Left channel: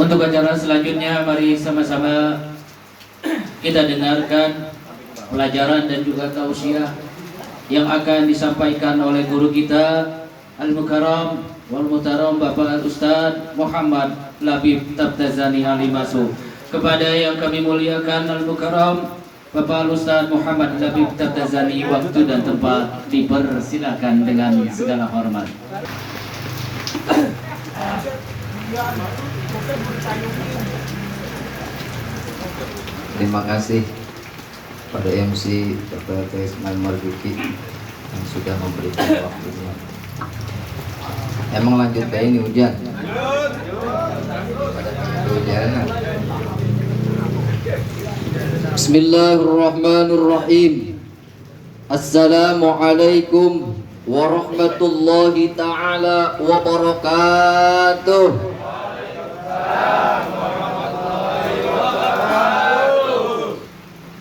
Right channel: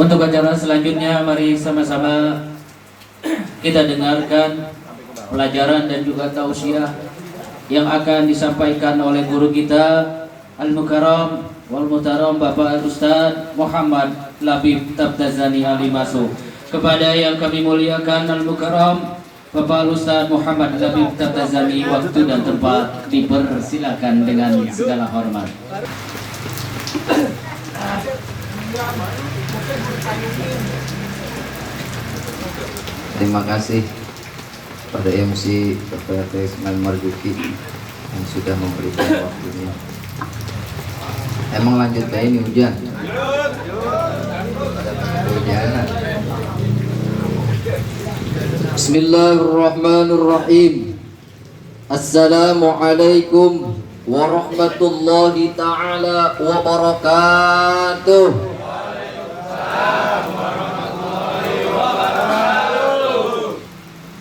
Untuk acara selanjutnya, mari sama-sama kita dengarkan pelajaran dan juga tausiah yang akan disampaikan oleh guru kita Al-Mukarram wal Muhtaram Bapak Ustaz Muhammad Labib Tabtazani Alimasu. Kepada yang kami muliakan Al-Mukarram Bapak Ustaz Muhammad Labib Tabtazani, waktu dan tempat dipersilakan dengan segala hormat. Terima kasih pada MC Bapak Ismail Marzuki yang sudah memberikan waktunya. Emang lanjut kayak ini hujan? Hujanan. Bismillahirrahmanirrahim. Assalamualaikum warahmatullahi ta'ala wabarakatuh.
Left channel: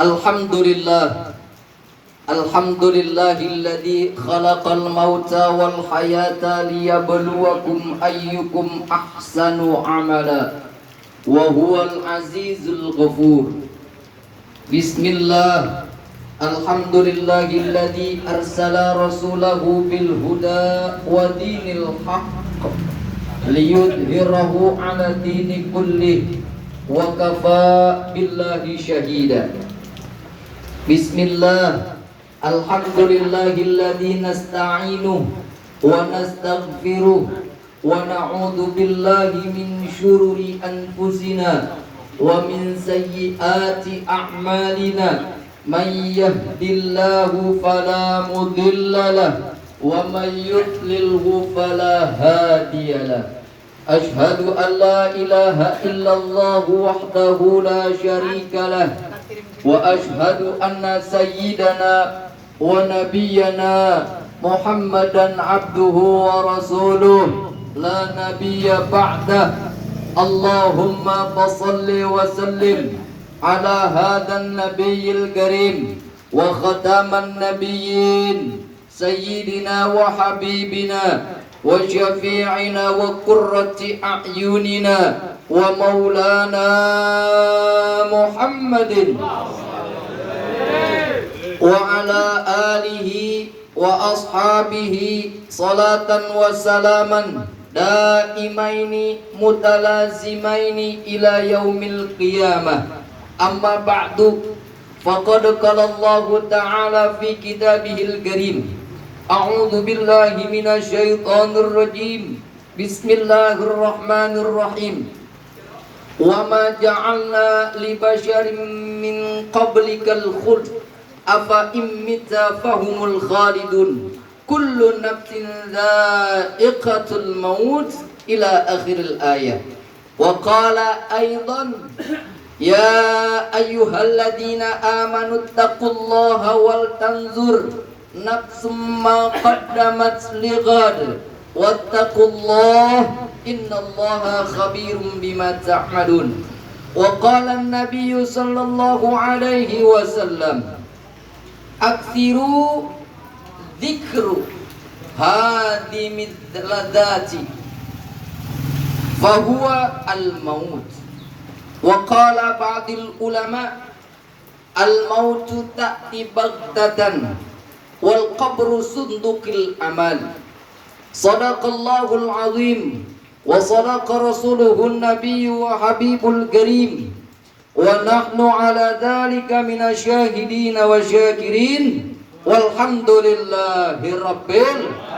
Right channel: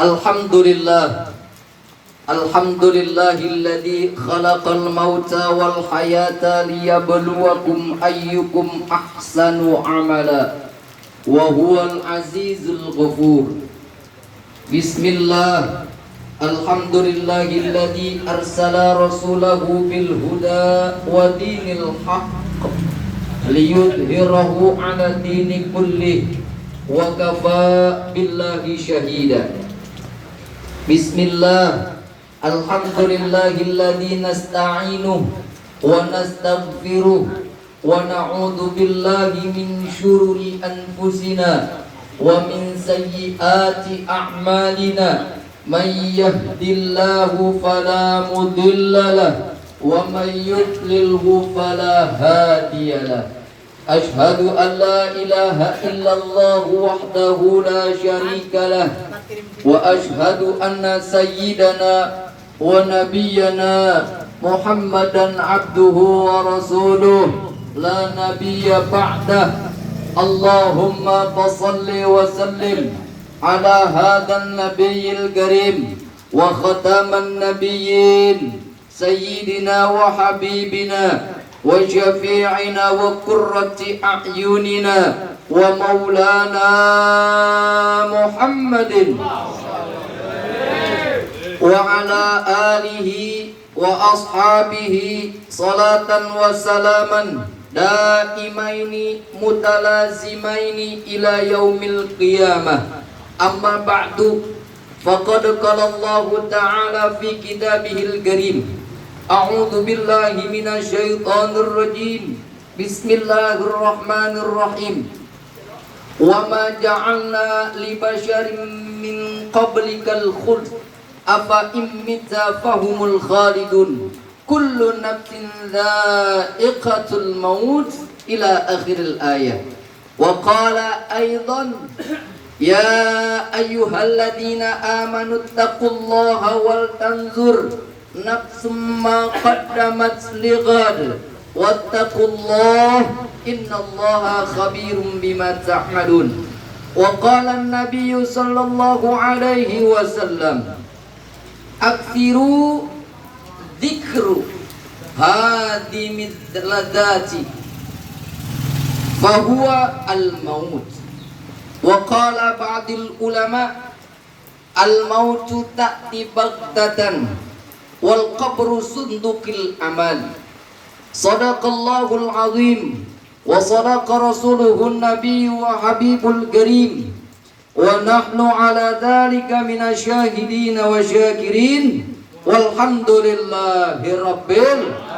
Alhamdulillah. Alhamdulillahilladzi khalaqal mauta wal hayata liyabluwakum ayyukum ahsanu amala wa huwal azizul ghafur. Bismillah. Alhamdulillahilladzi arsala rasulahu bil huda wa dinil haqq liyudhhirahu ala dini kulli wa kafa billahi syahida. Bismillah. Alhamdulillahilladzi nasta'inuh wa nastaghfiruh wa na'udzu billahi min syururi anfusina wa min sayyiati a'malina. Man yahdillahu fala mudilla lahu wa man yudlilhu fala hadiya lahu. Ashhadu an la ilaha illallah wahdahu la syarika lahu wa ashhadu anna sayyidana wa nabiyyana Muhammadan abduhu wa rasuluh la nabiyya ba'dah. Allahumma fasalli wa sallim ala hadhan nabiyyil karim wa khataman nabiyyin sayyidina wa habibina wa syafi'ina wa qurrati a'yunina wa maulana Muhammadin wa ala alihi wa ashabihi salatan wa salaman daimaini mutalazimaini ila yaumil qiyamah. Amma ba'du, faqad qala Allah ta'ala fi kitabihil karim. A'udzu billahi minasy syaithanir rajim. Bismillahirrahmanirrahim. Wa ma ja'alna li basharin min qablikal khuld afa immita fahumul khalidun. Kullu nafsin dha'iqatul maut ila akhiril ayat. Wa qala aidan ya ayyuhalladzina amanu taqullaha wal tanzur nafsum ma qaddamat lighad wattaqullaha innallaha khabirum bima ta'malun. Wa qala an-nabiyyu sallallahu alaihi wasallam akthiru dzikru hadimid ladati fahuwa al-maut. Wa qala ba'dil ulama al-mautu ta'ti baghtatan wal qabru sunduqil amal. Sadaqallahul azim wa sadaqa rasuluhun nabiyyu wa habibul karim wa nahnu ala dhalika minasyahidin wa syakirin walhamdulillahi rabbil alamin.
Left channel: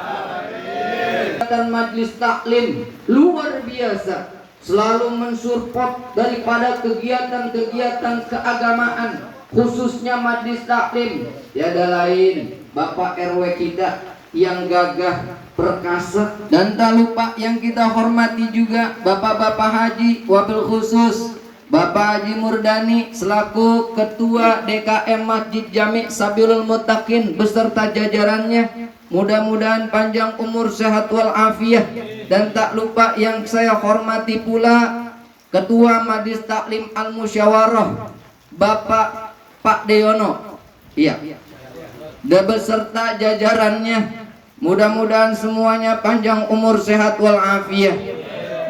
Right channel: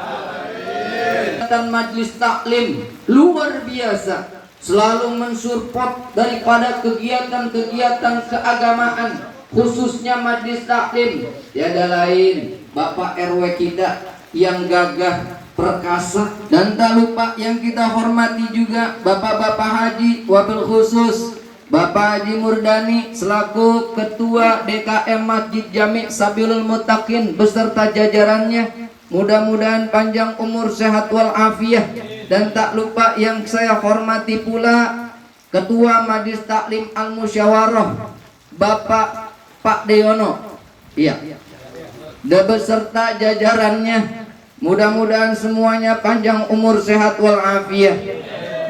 Majlis taklim luar biasa, selalu mensupport daripada kegiatan-kegiatan keagamaan, khususnya majlis taklim. Tiada lain Bapak RW kita yang gagah perkasa, dan tak lupa yang kita hormati juga Bapak-bapak haji, wabil khusus Bapak Haji Murdani selaku Ketua DKM Masjid Jami' Sabilul Muttaqin beserta jajarannya. Mudah-mudahan panjang umur, sehat walafiat. Dan tak lupa yang saya hormati pula Ketua Majlis Taklim Al-Musyawarah Bapak Pak Deyono, iya, dan beserta jajarannya. Mudah-mudahan semuanya panjang umur, sehat walafiat.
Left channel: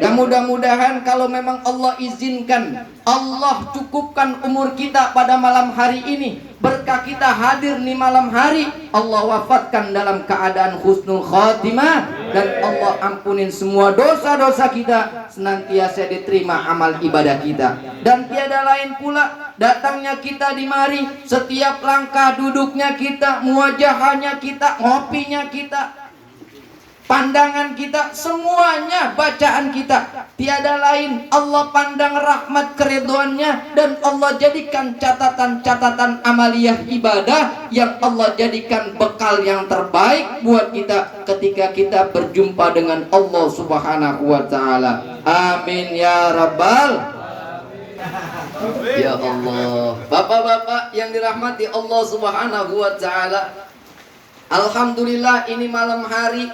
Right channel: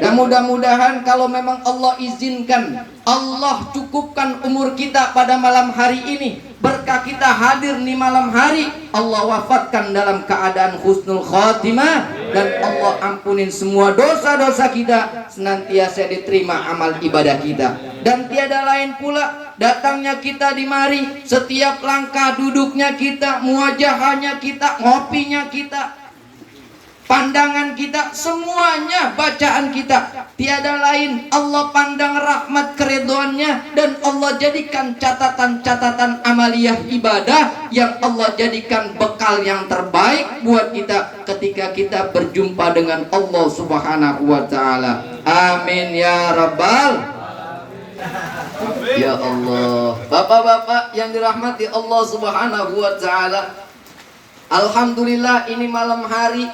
Dan mudah-mudahan kalau memang Allah izinkan, Allah cukupkan umur kita pada malam hari ini, berkah kita hadir di malam hari, Allah wafatkan dalam keadaan husnul khatimah, dan Allah ampunin semua dosa-dosa kita, senantiasa diterima amal ibadah kita. Dan tiada lain pula datangnya kita di mari, setiap langkah duduknya kita, muwajahanya kita, ngopinya kita, pandangan kita, semuanya bacaan kita, tiada lain Allah pandang rahmat keridhoannya, dan Allah jadikan catatan-catatan amaliyah ibadah yang Allah jadikan bekal yang terbaik buat kita ketika kita berjumpa dengan Allah Subhanahu wa taala. Amin ya rabbal ya Allah. Bapak-bapak yang dirahmati Allah Subhanahu wa taala, alhamdulillah ini malam hari,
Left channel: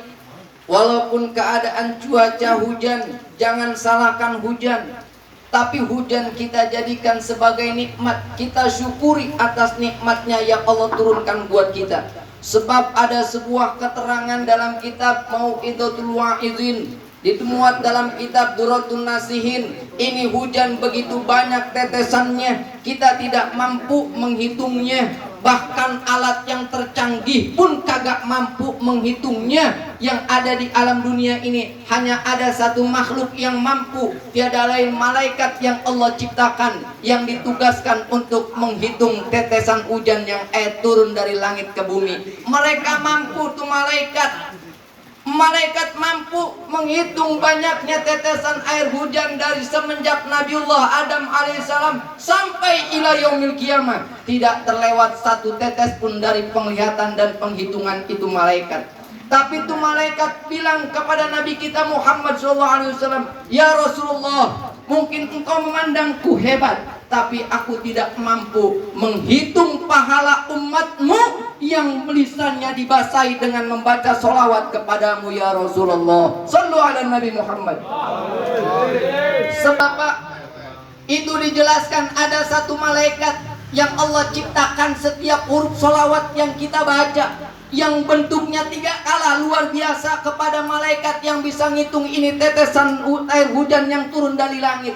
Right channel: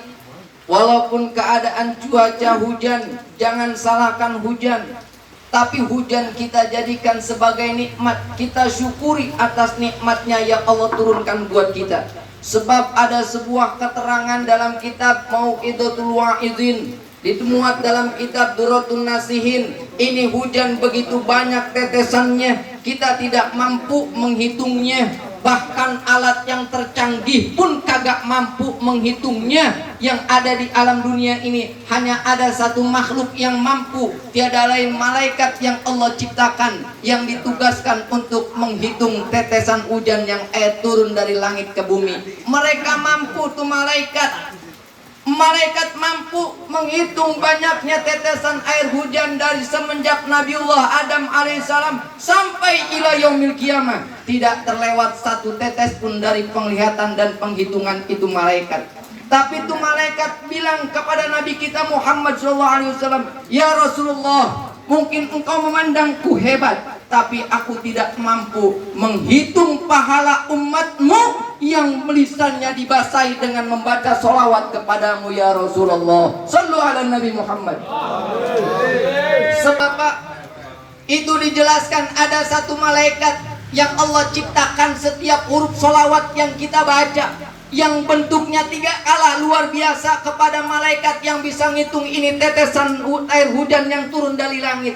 walaupun keadaan cuaca hujan, jangan salahkan hujan, tapi hujan kita jadikan sebagai nikmat. Kita syukuri atas nikmatnya yang Allah turunkan buat kita. Sebab ada sebuah keterangan dalam kitab Mau'izatul Wa'izin, dimuat dalam kitab Duratun Nasihin. Ini hujan begitu banyak tetesannya, kita tidak mampu menghitungnya. Bahkan alat yang tercanggih pun kagak mampu menghitungnya. Yang ada di alam dunia ini hanya ada satu makhluk yang mampu, tiada lain malaikat yang Allah ciptakan, yang ditugaskan untuk menghitung tetesan hujan yang turun dari langit ke bumi. Mereka mampu tuh malaikat. Malaikat mampu menghitung banyaknya tetesan air hujan dari semenjak Nabiullah Adam alaihissalam sampai ila yaumil kiamah. Tidak terlewat satu tetes pun dari penglihatan dan penghitungan itu malaikat. Tapi itu malaikat bilang kepada Nabi kita Muhammad SAW, ya Rasulullah, mungkin engkau memandangku hebat, tapi aku tidak mampu menghitung pahala umatmu yang lisannya dibasahi dengan membaca sholawat kepadamu ya Rasulullah. Sallu ala Nabi Muhammad. Sebab itu dijelaskan ada satu malaikat yang Allah ciptakan setiap huruf sholawat yang kita baca, yang bentuknya 3 kala luar biasa kepada malaikat yang bisa ngitung ini tetesan air hujan yang turun dari langit.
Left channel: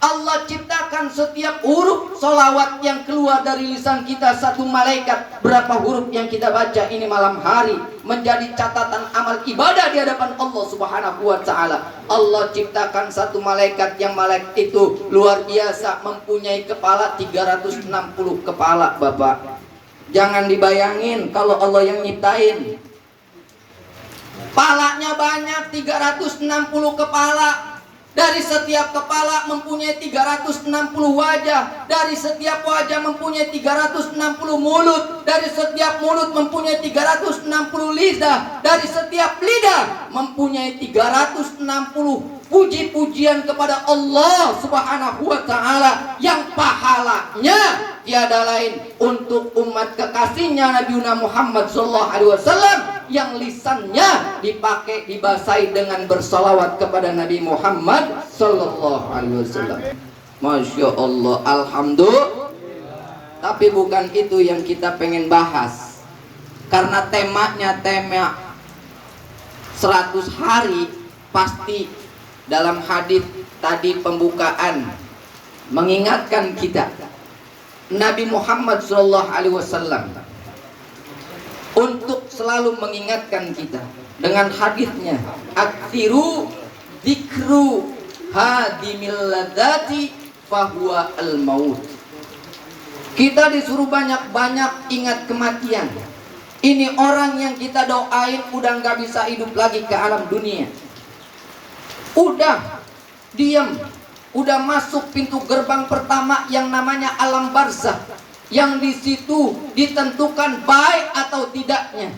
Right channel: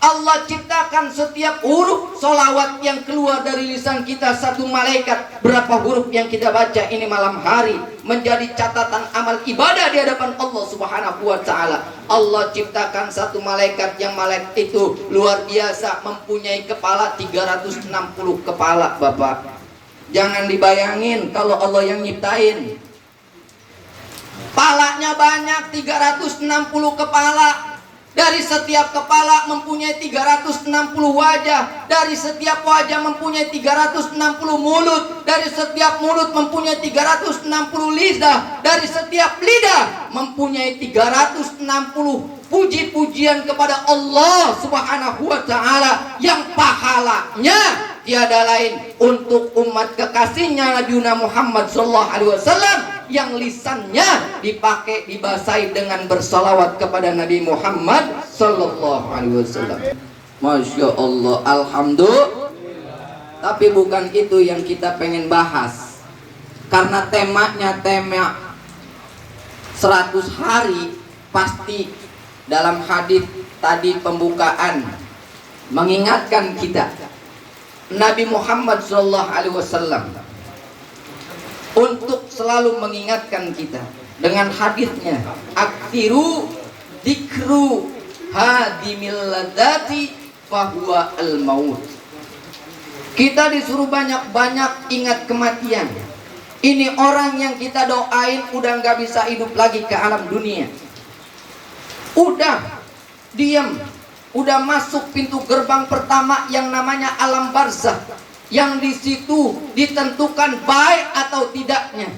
Allah ciptakan setiap huruf solawat yang keluar dari lisan kita satu malaikat. Berapa huruf yang kita baca ini malam hari menjadi catatan amal ibadah di hadapan Allah Subhanahu wa taala. Allah ciptakan satu malaikat yang malaikat itu luar biasa, mempunyai kepala 360 kepala, Bapak. Jangan dibayangin kalau Allah yang nyiptain. Palanya banyak, 360 kepala. Dari setiap kepala mempunyai 360 wajah. Dari setiap wajah mempunyai 360 mulut. Dari setiap mulut mempunyai 360 lidah. Dari setiap lidah mempunyai 360 puji-pujian kepada Allah Subhanahu wa taala, yang pahalanya tiada lain untuk umat kekasihnya Nabi Muhammad SAW, yang lisannya dipakai dibasahi dengan bersalawat kepada Nabi Muhammad SAW. Masya Allah, alhamdulillah. Tapi bukan itu yang kita pengen bahas, karena temanya tema 100 hari. Pasti dalam hadis tadi pembukaan mengingatkan kita Nabi Muhammad SAW untuk selalu mengingatkan kita dengan hadisnya, aksiru dzikru hadimil ladzati fahuwa al maut. Kita disuruh banyak-banyak ingat kematian. Ini orang yang kita doain udah gak bisa hidup lagi ke alam dunia, udah diam, udah masuk pintu gerbang pertama yang namanya alam barzakh, yang di situ ditentukan baik atau tidaknya,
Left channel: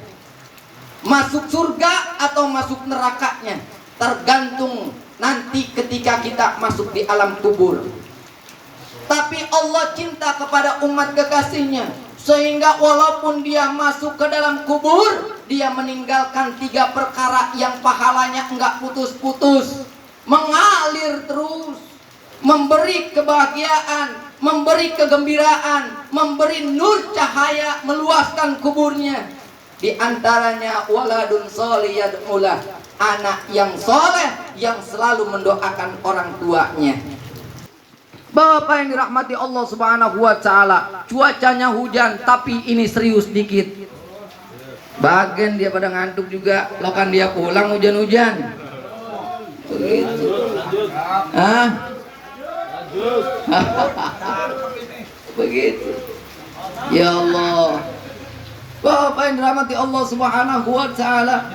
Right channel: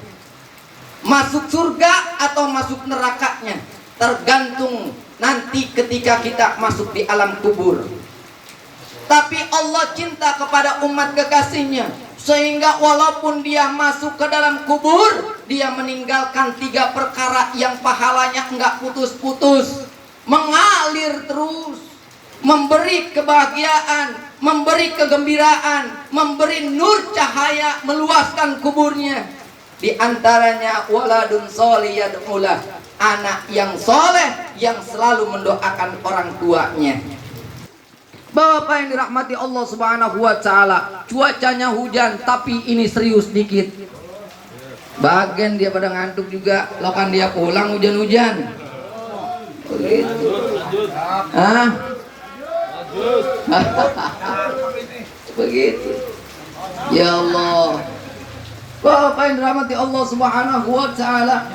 masuk surga atau masuk nerakanya, tergantung nanti ketika kita masuk di alam kubur. Tapi Allah cinta kepada umat kekasihnya, sehingga walaupun dia masuk ke dalam kubur, dia meninggalkan 3 perkara yang pahalanya enggak putus-putus, mengalir terus, memberi kebahagiaan, memberi kegembiraan, memberi nur cahaya, meluaskan kuburnya. Di antaranya waladun sholih yad'ulah, anak yang soleh yang selalu mendoakan orang tuanya. Bapak yang dirahmati Allah Subhanahu wa taala, cuacanya hujan tapi ini serius dikit. Bagian dia pada ngantuk juga, lakan dia pulang hujan-hujan. Begitu. Hah? Begitu. Ya Allah. Bapak yang dirahmati Allah Subhanahu wa taala.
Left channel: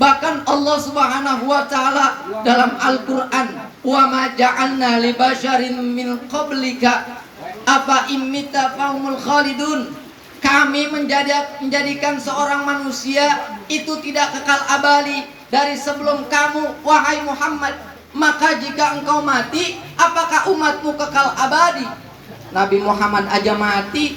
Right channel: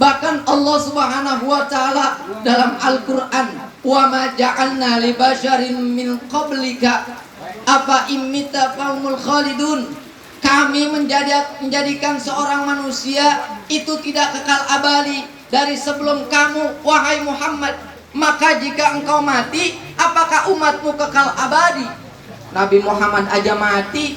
Bahkan Allah Subhanahu wa taala dalam Al-Qur'an, "Wa ma ja'alna li basyarin min qablika afa immita faumul khalidun." Kami menjadikan seorang manusia itu tidak kekal abadi dari sebelum kamu, wahai Muhammad. Maka jika engkau mati, apakah umatmu kekal abadi? Nabi Muhammad aja mati,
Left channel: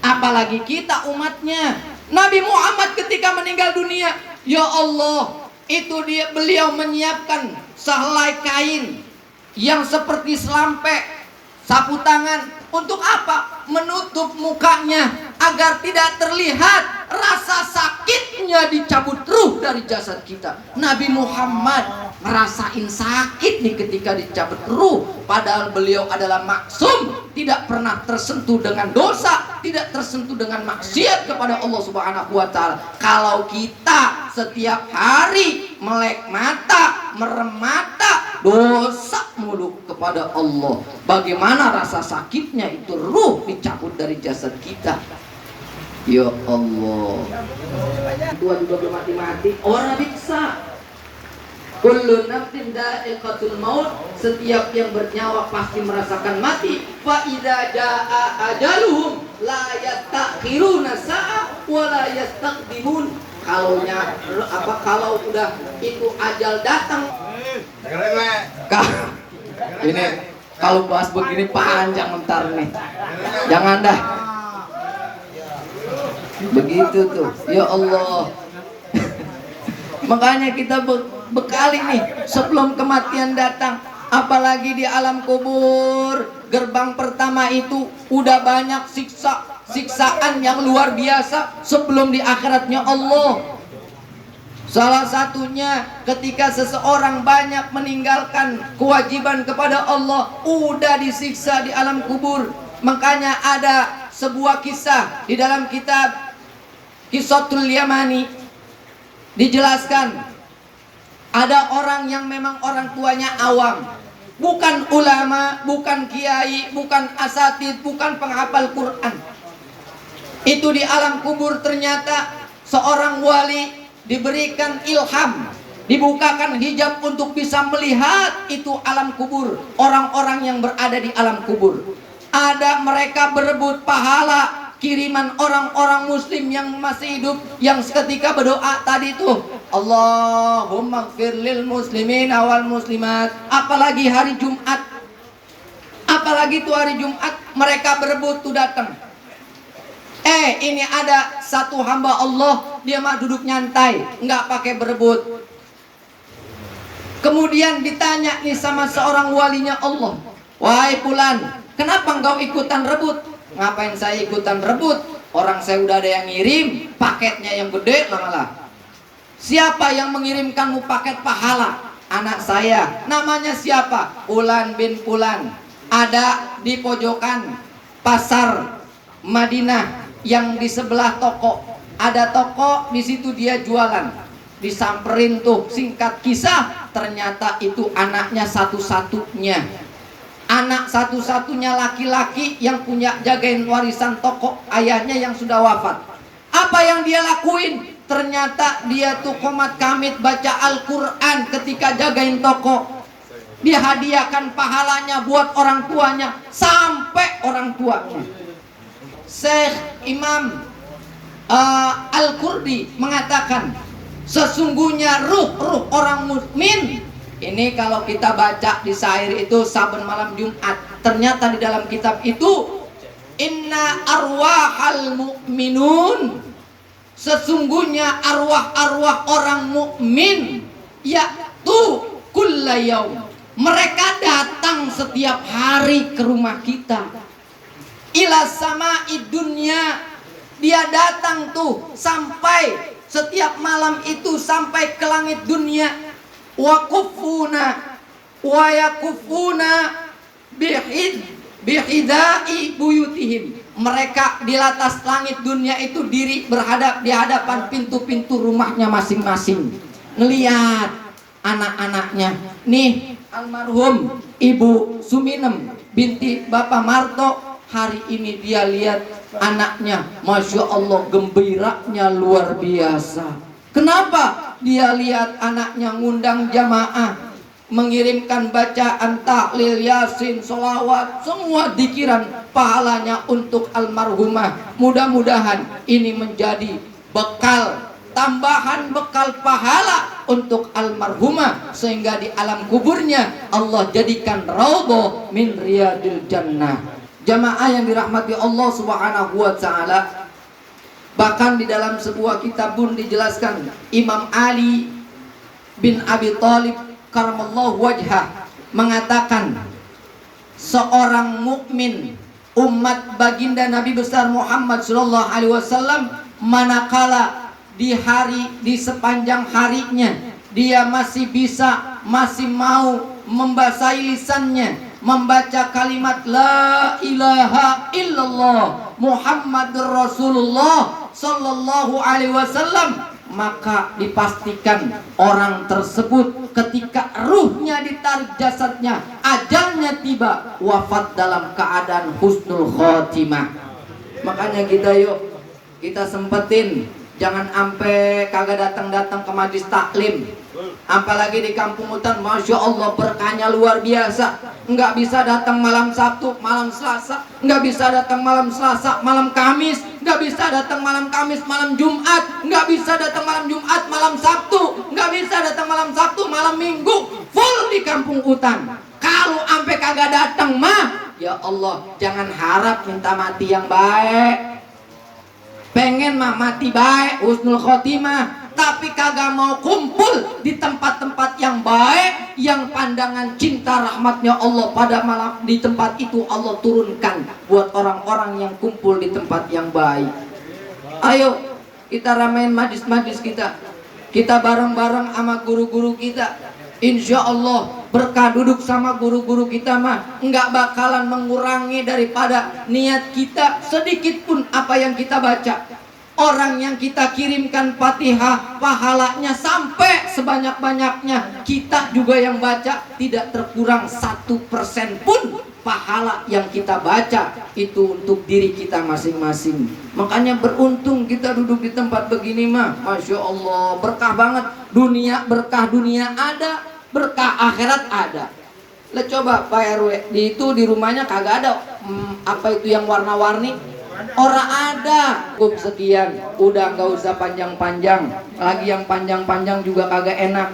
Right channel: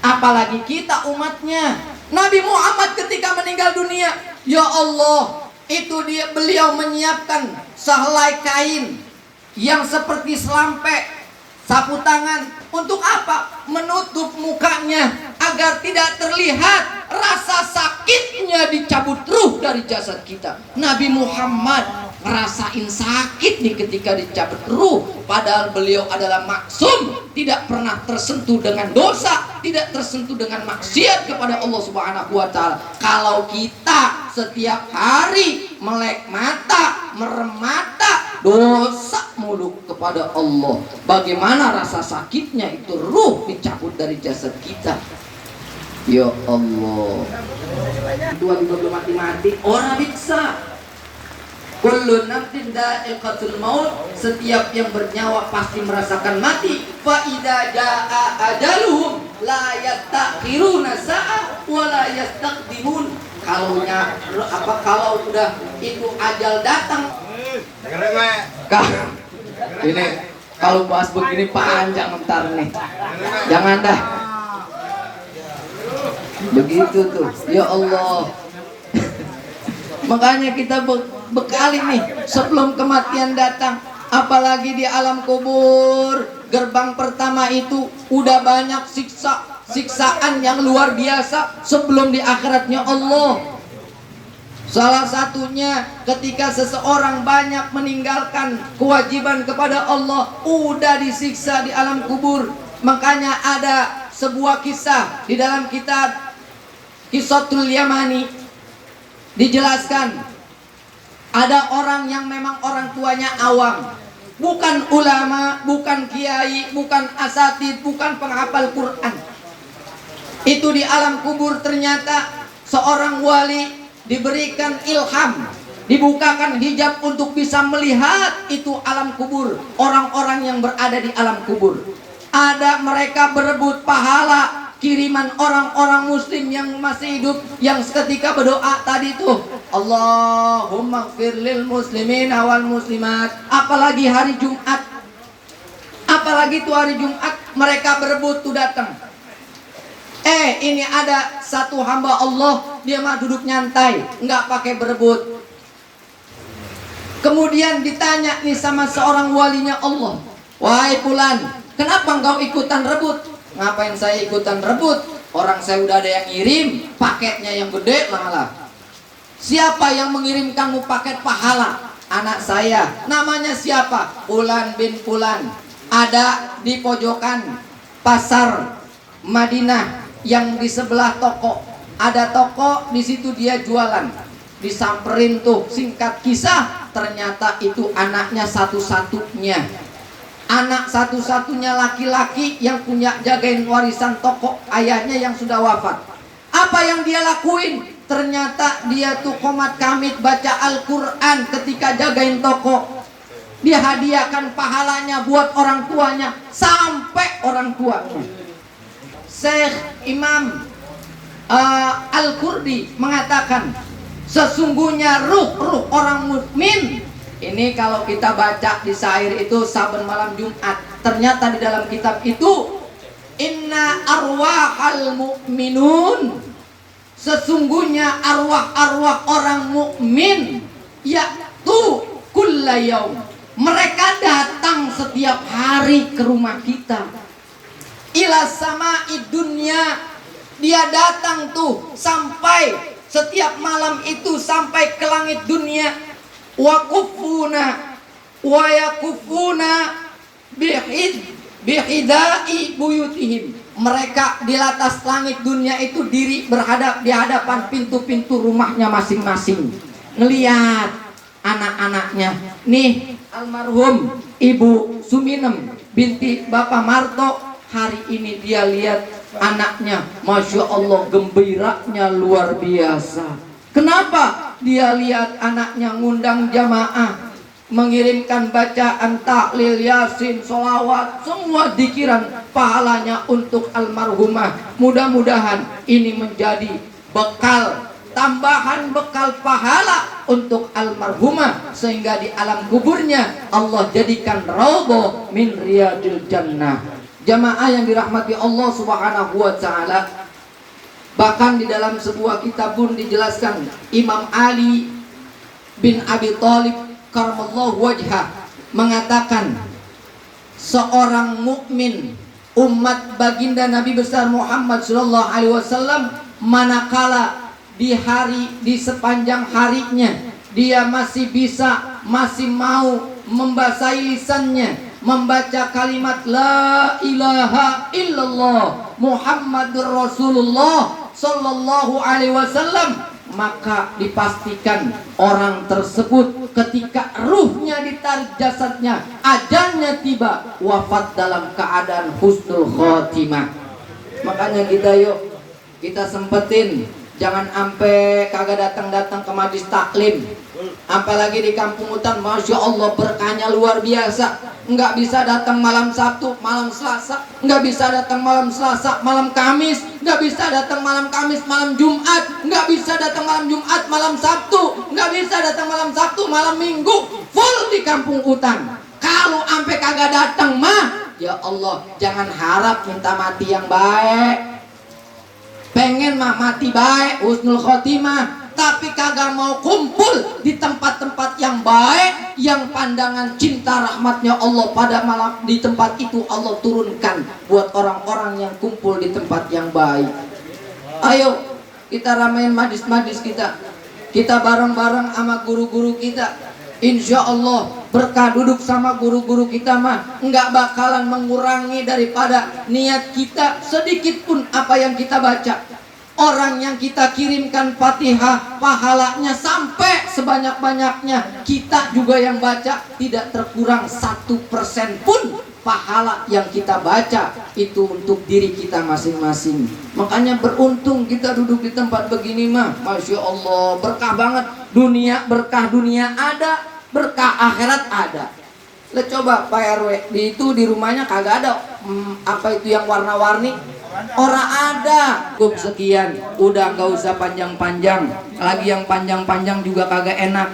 apalagi kita umatnya. Nabi Muhammad ketika meninggal dunia, ya Allah, itu beliau menyiapkan sehelai kain yang seperti selampe, sapu tangan. Untuk apa? Menutup mukanya agar tidak terlihat rasa sakitnya dicabut ruh dari jasad kita. Nabi Muhammad ngerasain sakit nih ketika dicabut ruh, padahal beliau adalah maksum, tidak pernah tersentuh dengan dosa, tidak tersentuh dengan maksiat kepada Allah Subhanahu wa taala. Kalau kita setiap hari melek mata, merem mata, dosa mulu kepada Allah, bagaimana rasa sakitnya itu ruh dicabut dari jasad kita. Ya Allah. Dua juga belum mati-mati, orang bisa. Kullu nafsin dha'iqatul maut, setiap yang bernyawa pasti merasakan mati. Fa idza jaa ajaluhum la yastakhiruna sa'a wa la yastaqdimun. Kalau udah itu ajal datang, ini kalau bahas begini panjang ntar nih. Jangan dah. Begitu tuh. Ya Allah. Makanya kita bekali nih sebelum kematian datang, apalagi di alam kubur, gerbang pertama itu udah banyak siksaan yang luar biasa sebelum di akhiratnya Allah. Salah satunya ketika seseorang banyak meninggalkan kewajiban kepada Allah, udah disiksa di alam kubur. Makanya ada sebuah kisah di dalam kitab Qissatul Yamani, dijelaskan ada orang yang memang orang tuanya awam, bukan ulama, bukan kiai, bukan asatid, bukan penghafal Quran. Itu di alam kubur ternyata seorang wali diberikan ilham, dibukakan hijab untuk bisa melihat itu alam kubur, orang-orang yang berada di alam kubur. Ada mereka berebut pahala kiriman orang-orang muslim yang masih hidup, yang seketika berdoa tadi tuh, Allahumma ighfir lil muslimin wal muslimat. Apalagi hari Jumat, apalagi tuh hari Jumat mereka berebut tuh datang. Ini ada satu hamba Allah, dia mah duduk nyantai, nggak pakai berebut. Kemudian ditanya nih sama seorang walinya Allah, wahai fulan, kenapa engkau ikutan rebut? Ngapain saya ikutan rebut? Orang saya udah ada yang ngirim, paketnya yang gede malah. Siapa yang mengirimkanmu paket pahala? Anak saya. Namanya siapa? Fulan bin Fulan. Ada di pojokan pasar Madinah yang di sebelah toko. Ada toko di situ dia jualan. Disamperin tuh, singkat kisah, ternyata itu anaknya satu-satunya. Anak satu-satunya laki-laki yang punya jagain warisan toko ayahnya yang sudah wafat. Apa yang dia lakuin? Ternyata dia tuh komat kamit baca Al-Quran ketika jagain toko. Dia hadiahkan pahalanya buat orang tuanya, sampai orang tuanya. Syekh Imam Al-Qurdi mengatakan, sesungguhnya ruh orang mukmin ini kalau kita baca di syair itu saben malam Jumat, ternyata di dalam kitab itu, inna arwahal mu'minun, sesungguhnya arwah-arwah orang mukmin yaitu kulla yaum, mereka datang setiap hari ke rumah kita, ila sama'i dunya, Dia datang tuh sampai setiap malam itu sampai ke langit dunia. Wa kufuna wa yakufuna bihidai buyutihim. Mereka di atas langit dunia itu diri berhadap di hadapan pintu-pintu rumahnya masing-masing. Ngelihat anak-anaknya. Nih almarhum Ibu Suminem binti Bapak Marto, hari ini dia lihat anaknya, Masya Allah gembiranya luar biasa. Kenapa? Dia lihat anaknya ngundang jamaah, mengirimkan bacaan tahlil, yasin, sholawat, semua dikiran pahalanya untuk almarhumah. Mudah-mudahan ini menjadi bekal, tambahan bekal pahala untuk almarhumah, sehingga di alam kuburnya Allah jadikan raudhah min riyadil jannah. Jamaah yang dirahmati Allah Subhanahu wa taala, bahkan di dalam sebuah kitab pun dijelaskan, Imam Ali bin Abi Thalib karamallahu wajhah mengatakan, seorang mukmin umat baginda Nabi besar Muhammad sallallahu alaihi wasallam, manakala di sepanjang harinya dia masih mau membasahi lisannya, membaca kalimat la ilaha illallah Muhammadur Rasulullah sallallahu alaihi wasallam, maka dipastikan orang tersebut ketika ruhnya ditarik jasadnya, ajalnya tiba, wafat dalam keadaan husnul khotimah. Makanya kita sempetin, jangan sampai kagak datang ke majlis taklim. Apalagi di kampung hutan, Masya Allah berkahnya luar biasa. Nggak bisa datang malam Sabtu, malam Selasa, nggak bisa datang malam Selasa, malam Kamis, nggak bisa datang malam Kamis, malam Jumat, nggak bisa datang malam Jumat, malam Sabtu, nggak bisa datang malam Sabtu, malam Minggu, full di kampung hutan. Kalau sampai kagak datang mah, ya Allah, jangan harap minta mati yang baik. Pengen mah mati baik, husnul khotimah, tapi kagak mau kumpul di tempat-tempat yang baik, yang pandangan cinta rahmatnya Allah pada malam di tempat itu Allah turunkan buat orang-orang yang kumpul di tempat yang baik. Ayo kita ramein majlis-majlis kita bareng-bareng sama guru-guru kita. Insya Allah berkah duduk sama guru-guru kita mah nggak bakalan mengurangi daripada niat kita sedikit pun apa yang kita baca. Orang yang kita kirimkan Fatihah, pahalanya sampai sebanyak-banyaknya. Kita juga yang baca tidak terkurang 1% pun pahala yang kita baca itu untuk diri kita masing-masing. Makanya beruntung kita duduk di tempat begini mah, Masya Allah berkah banget. Berkah dunia ada, berkah akhirat ada. Lah coba Pak RW, di rumahnya kagak ada apa itu yang warna-warni. Orang ada cukup sekian, udah nggak usah panjang-panjang lagi, yang panjang-panjang juga kagak enak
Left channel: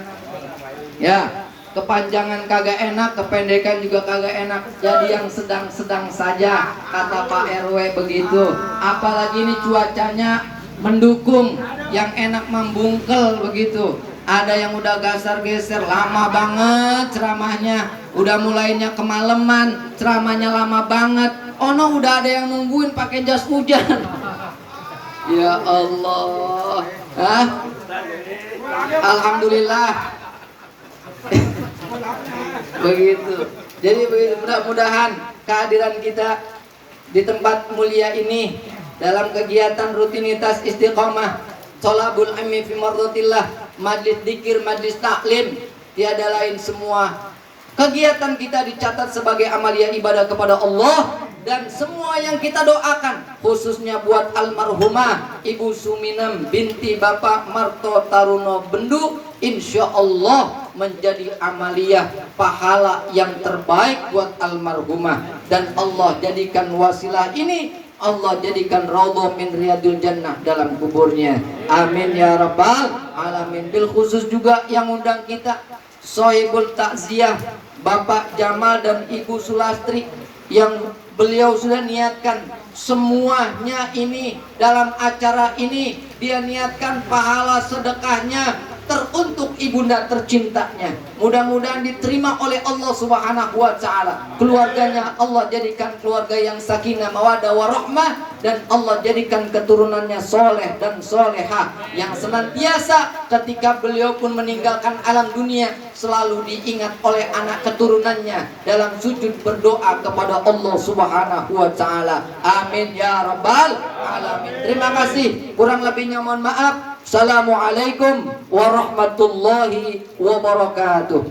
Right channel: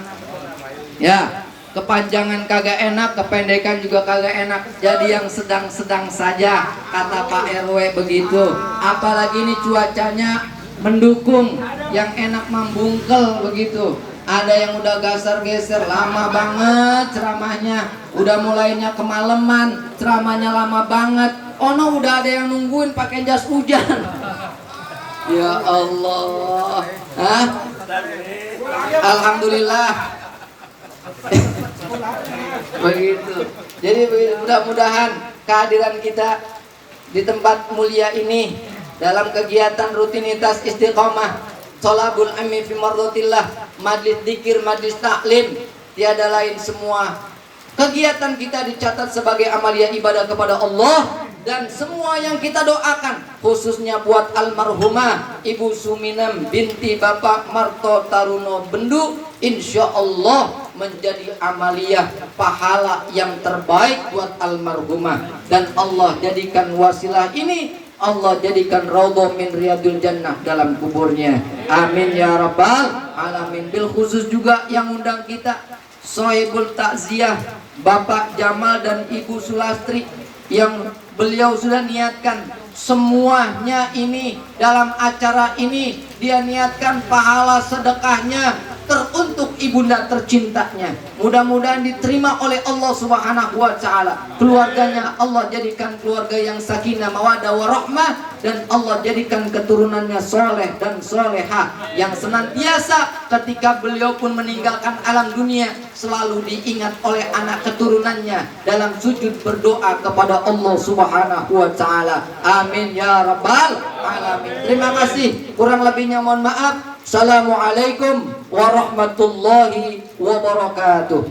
ya, kepanjangan kagak enak, kependekan juga kagak enak, jadi yang sedang-sedang saja kata Pak RW begitu. Apalagi ini cuacanya mendukung, yang enak membungkel begitu. Ada yang udah geser lama banget ceramahnya, udah mulainya kemalaman, ceramahnya lama banget. Oh no, udah ada yang nungguin pakai jas hujan. Ya Allah. Hah? Alhamdulillah. Begitu. Jadi mudah-mudahan kehadiran kita di tempat mulia ini dalam kegiatan rutinitas istiqomah, thalabul ilmi fi mardhatillah, majlis dzikir, majlis taklim, tiada lain semua kegiatan kita dicatat sebagai amalia ibadah kepada Allah. Dan semua yang kita doakan khususnya buat almarhumah Ibu Suminem binti Bapak Marto Taruno Bendu, insya Allah menjadi amaliyah pahala yang terbaik buat almarhumah. Dan Allah jadikan wasilah ini, Allah jadikan raudhah min riyadil jannah dalam kuburnya. Amin ya rabbal alamin. Bil khusus juga yang undang kita Sohibul Takziah Bapak Jamal dan Ibu Sulastri, yang beliau sudah niatkan semuanya ini dalam acara ini, dia niatkan pahala sedekahnya teruntuk ibunda tercintanya. Mudah-mudahan diterima oleh Allah Subhanahu wa taala. Keluarganya Allah jadikan keluarga yang sakinah, mawaddah, warahmah, dan Allah jadikan keturunannya soleh dan solehah yang senantiasa ketika beliau pun meninggalkan alam dunia selalu diingat oleh anak keturunannya dalam sujud berdoa kepada Allah Subhanahu wa taala. Amin ya rabbal alamin. Terima kasih. Kurang lebihnya mohon maaf. Assalamualaikum warahmatullahi wabarakatuh.